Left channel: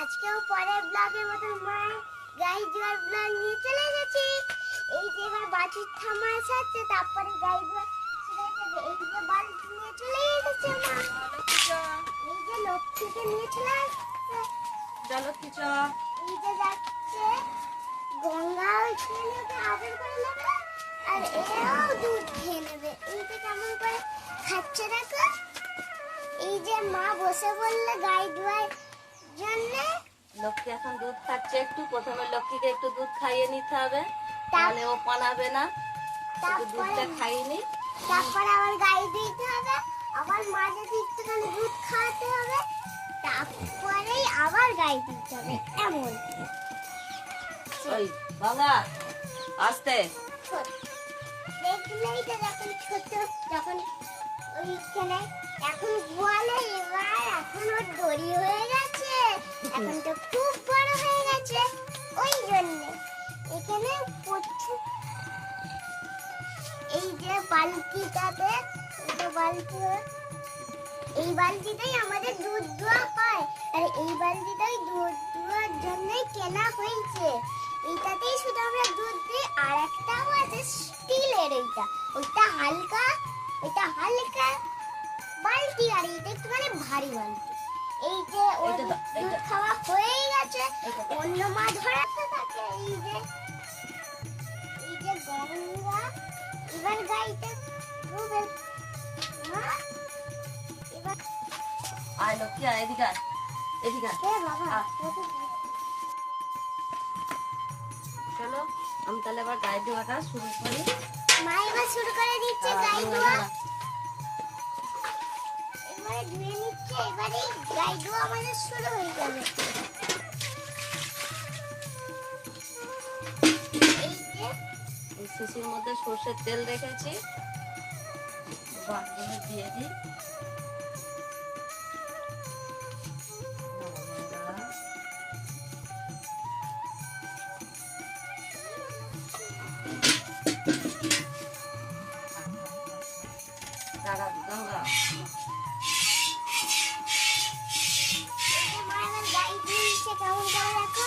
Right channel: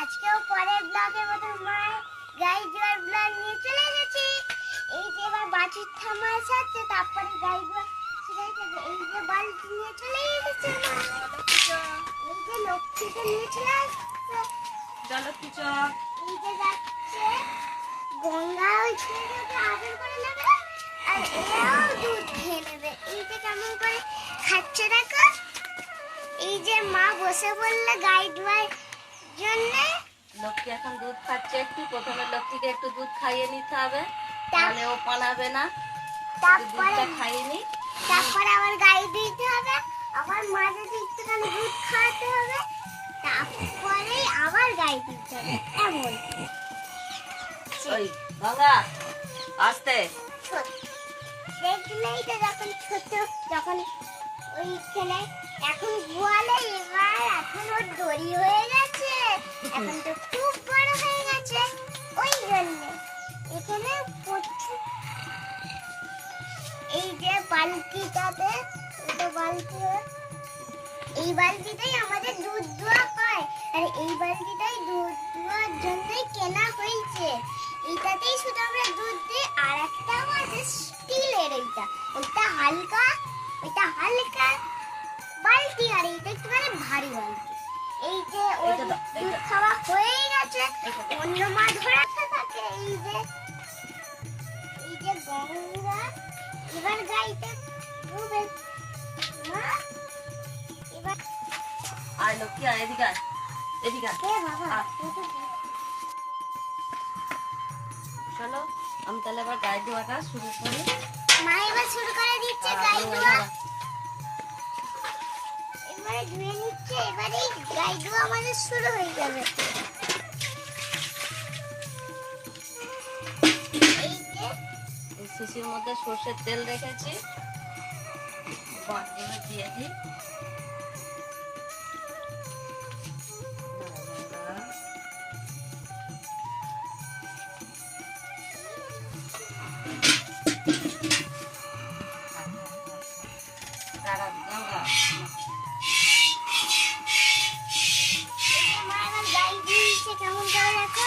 আজকেও পরের ব্লগের মতো মা গাই জোয়ার ব্লগ নিয়ে চলে গেছি। এই যে এবার বাছুর থামা আছে, তারপরে গাই জোয়ার এই যে বালতি নিয়ে চলে গেছে মা। এই যে লক্ষ্মীকে নিয়ে চলে আসছে। জলক্ষী চ এই যে যাচ্ছে গঙ্গা, ওই ছেলেকে আদর করে নেবে আর এরাও দুধ খেয়ে নেবে। এই যে কেমন করে খাচ্ছে দেখো। এই যে মা বসে বললে গাই ধোয়ার জন্যে। লক্ষ্মী এখন দুধ খাচ্ছে, একটু প্রথমে লক্ষ্মীকে একটু দুধ খাইয়ে নিতে হবে, তাহলে ও পালাবে না। একটু দুধটা খাইয়ে নি, তারপরে আবার গাই দিতে হবে, আবার মাঝে একটুখানি দুধ খাওয়াতে হবে, তারপরে আবার গাই দিতে হবে। এমন ওই গঙ্গা আস্তে ছোট দেখলেই তো যখন ছোট, যখন ওইখানে এখন গোয়ালে, এবার এখন ওর দড়ি হয়ে গেছে, এখন তো খুব বড় হয়ে গেছে। ওই জন্য এখানে প্রচুর এই যে বালতিটাতে, এটা বালতি, এই বালতিটাই আমাদের দুধ দোয়া হয়, আর এই বালতিটাই দুধ দোয়ার জন্যই কেনা হয়েছে। এইটাতেই শুধু আমরা দুধ দিই। আর একটাও আছে স্টিলের, এটা হালকা, এটা হালকা বালতি, আর এইটা একটুখানি ভারী বালতি। এই যে ওর দুধ খাওয়া হয়ে গেছে, অন্য মাছ ধরাতে থাকে। এই যে গঙ্গা এবার গাইতে ডুবে মা। এবার আর লক্ষ্মী আর এদিকে আয়, এদিকে আয়। কে বাবা চলো আমি তাহলে এবার গায়ে ধোয়াটা শুরু করি। মা এবার শুরু করে দিচ্ছে গাই ধোয়া। এবারে ধুয়ে নিচ্ছে, এবারে গাই ধোয়া আমাদের শুরু হয়ে যাবে। এই যে এই শিশির মধ্যে সর্ষের তেল রেখেছি, বাটগুলো দিয়ে দিই। গঙ্গা মা এবার গাই দিয়েছে, কেমন করে রাখো।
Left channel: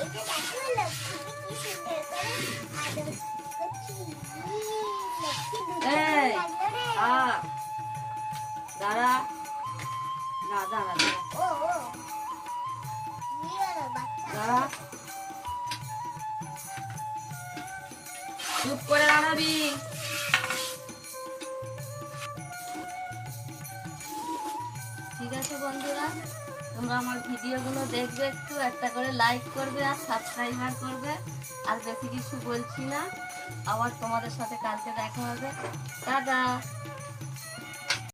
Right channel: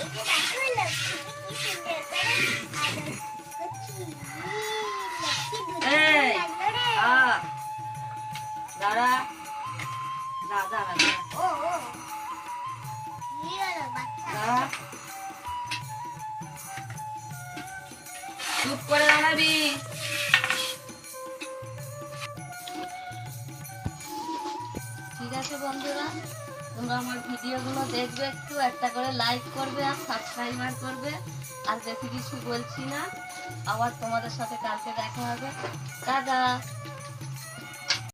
এই যে দেখো লক্ষ্মীকে কি সুন্দর করে আদর। লক্ষ্মী, লক্ষ্মী দুধ এই, লাগলো রে। দাঁড়া, দাঁড়া, ও কি হলো বাচ্চা? দাঁড়া, চুপ করে দাঁড়াবি। ঠিক আছে বন্ধুরা, তোমরা আমার ভিডিওগুলো দেখবে, একটু একটা করে লাইক করবে আর সাবস্ক্রাইবার করবে। আর বেশি কিছু বলছি না, আবার তোমাদের সাথে কালকে দেখা হবে। টাটা।